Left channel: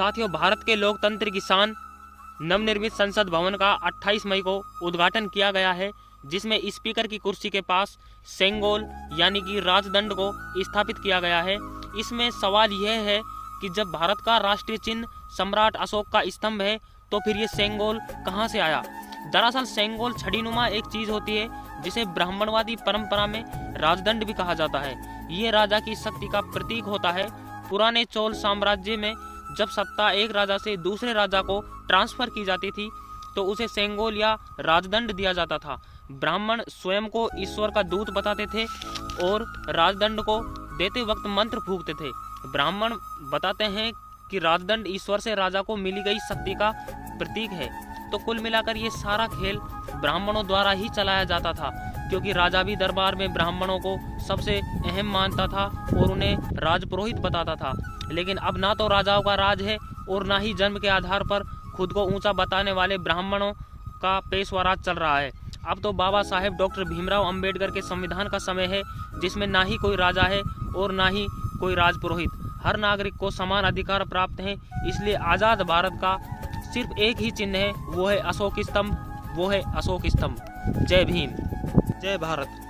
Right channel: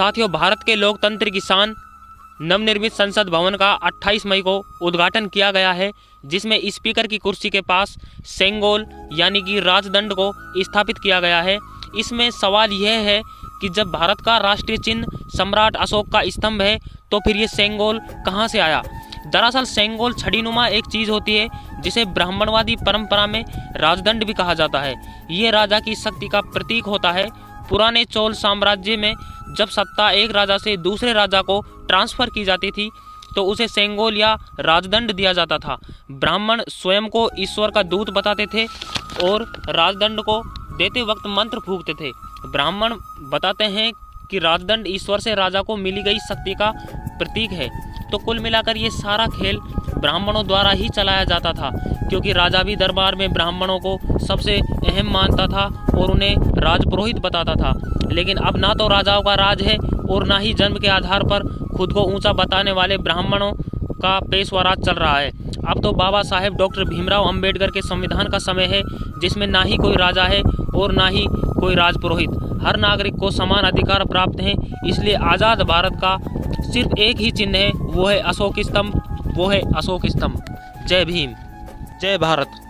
साथियों, भारत के लोकतंत्र की शान नवनिर्मित संसद भवन का 28 मई को उद्घाटन किया गया है, जिसमें स्पीकर की कुर्सी के पास सेंगोल यानी कि राजदंड को स्थापित किया गया है। इसमें सवाल यह है कि जब भारत का राष्ट्रीय चिन्ह सम्राट अशोक का स्तंभ है तो फिर ये सेंगोल कहाँ से आया। दरअसल सेंगोल छड़ीनुमा एक चीज होती है जिसे ब्राह्मणवादी परंपरा में राजदंड भी कहा जाता है। ये राजा की शक्ति का प्रतीक होता है। पुराने चोल साम्राज्य में जब सत्ता एक राजा से दूसरे राजा को ट्रांसफर की जाती थी तो उसे सेंगोल या राजदंड दिया जाता था। ब्राह्मण स्वयं को ईश्वर का दूत बताते थे और राजदंड को देते वक्त मंत्र फूंकते थे। ब्राह्मण बताते हैं कि राजदंड ईश्वर से राजा को मिली गई शक्ति का प्रतीक है। तो कुल मिलाकर ये सारा खेल ब्राह्मणों द्वारा ही चलाया जाता था, क्योंकि राजा भी दरबार में ब्राह्मणों को सबसे अहम मानता था और उन्हें राजपुरोहित बताता था। लेकिन अब ना तो राजाओं का राज है और ना ही जन्म के आधार पर खुद को ऊंचा बताने वाले ब्राह्मणों का पेशवा राज चल रहा है। अब तो बाबा साहेब डॉक्टर भीमराव अंबेडकर के संविधान का समय है, जिसमें ना ही कोई राजा है और ना ही कोई राजपुरोहित। हर नागरिक को समान अधिकार प्राप्त हैं। इसलिए आज़ाद भारत का सिर्फ एक ही चिन्ह है, वो है अशोक स्तंभ। जय भीम, जय भारत।